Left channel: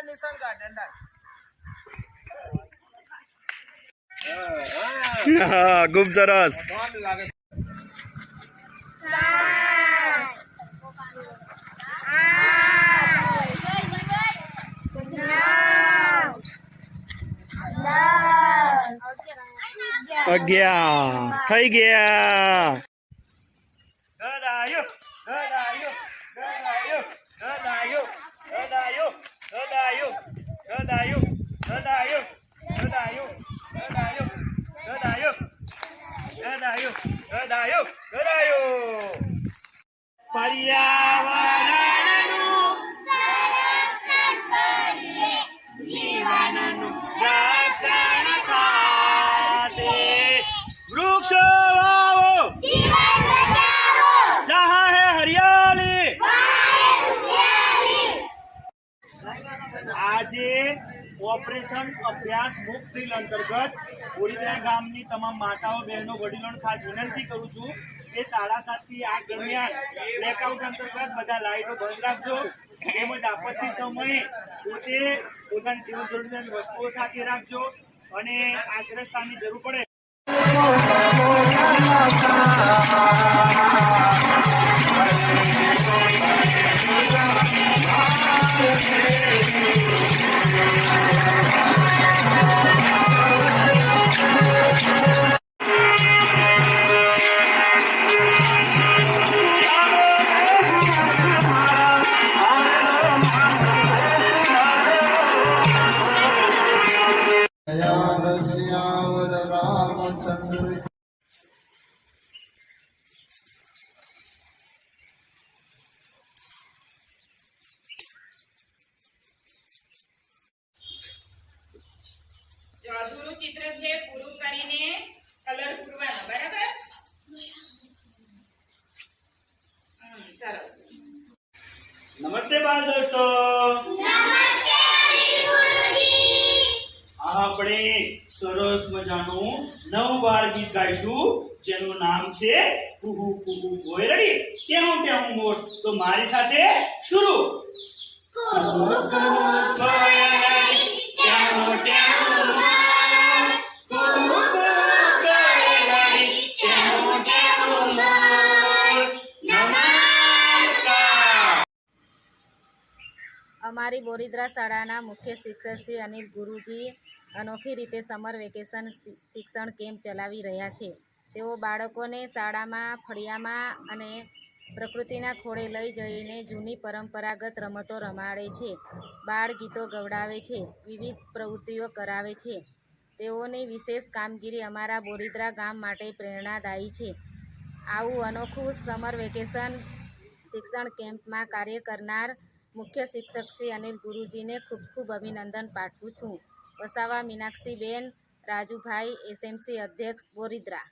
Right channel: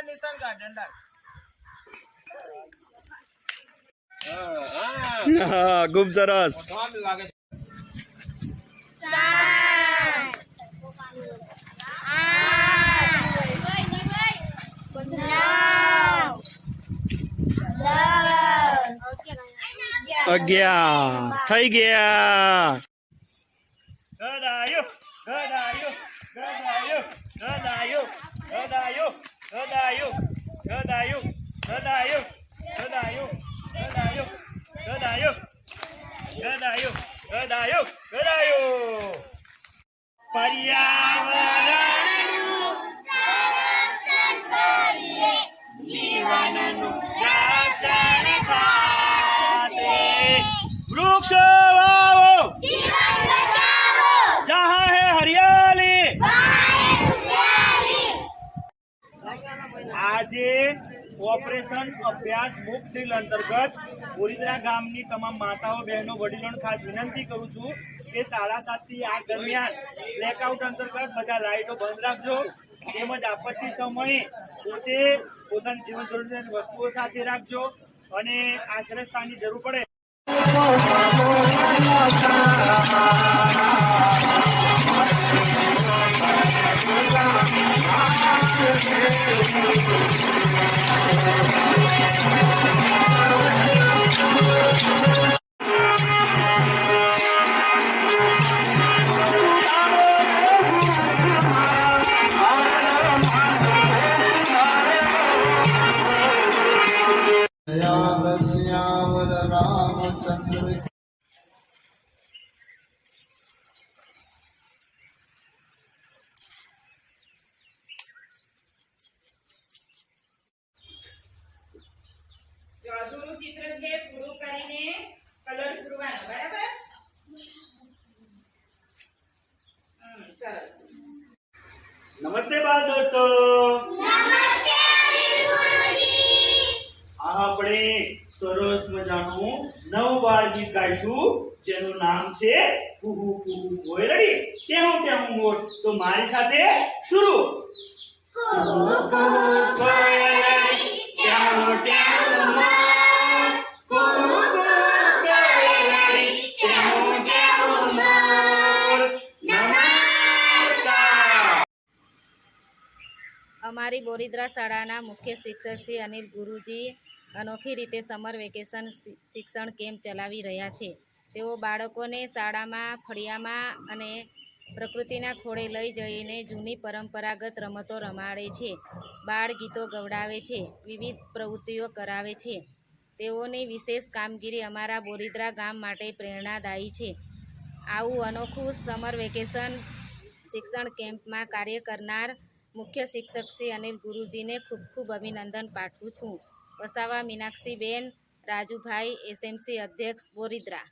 દંડા નિશાન કા ડંડા હા ખૂબ સરસ. અગિયાર. થઈ ગયા. ગદાયો ગદાયો ગદાયો ગદાયો ગદાયો. ગદાયો ગદાયો ગદાયો ગદાયો ગદાયો ગદાયો ગદાયો ગદાયો ગદાયો પર્યાવરણનું આજે ઓપરેશન અભ્યાસ બુક ડ્રીલ અંતર્ગત ઓરિદરા ગામની તમામ માતાઓ, બહેનો, વડીલોને ખાસ વિનંતી કરું છું કે સાડા સાતથી આ દરમિયાન બ્લેકઆઉટ અંતર્ગત બધા લાઇટો બંધ રાખજો તેમજ આપત્તિ સમયે પોતે પોતાની જીવન જરૂરિયાતની વસ્તુઓ સાથે રાખજો અને આશ્રય સ્થાનની જરૂર પડે. સાંસ્કૃતિક જાદુનું ચિત્ર છે પૂરું કરીને કલર પૂરવાનો બરાબર? સરસ. નમસ્તે બાળ દોસ્તો. નમસ્તે. આપણે સરસ મજાનું નવ બાર ગીત ગાઈશું જેનું નામ છે કુહુ કુહુ કોયરડી ટેહું ટેહું મોટ તો મારી સાથે શરૂ. કુહુ કુહુ કોયરડી અમારી બોરીદ્રા શાળાના મુખ્ય શિક્ષક શ્રી અનિલ ગુરુજી અનોખી રીતે સમર વેકેશન શિક્ષણ કેમ્પ ચલાવી રહ્યા છે. તેઓ બાળકોને શાળામાં, ફળિયામાં અને પ્રકૃતિના ખોળે લઈ જઈને જૂની પરંપરાગત રમતો રમાડે છે. બાળ ગીતો ગવડાવે છે, વિવિધ પ્રવૃત્તિઓ કરાવે છે. તેઓની વિશેષ કામગીરી અમારા બોરિદ્રા ગામ માટે પ્રેરણાદાયી છે. આવું અનોખું સમર વેકેશન શિક્ષણ કેમ્પમાં કાર્ય કરનાર મુખ્ય શિક્ષક શ્રી અનિલ ગુરુજીને ખૂબ ખૂબ અભિનંદન પાઠવું છું. વસાવા મીનાક્ષીબેન રાજુભાઈ એસએમસી અધ્યક્ષ બોરીદ્રા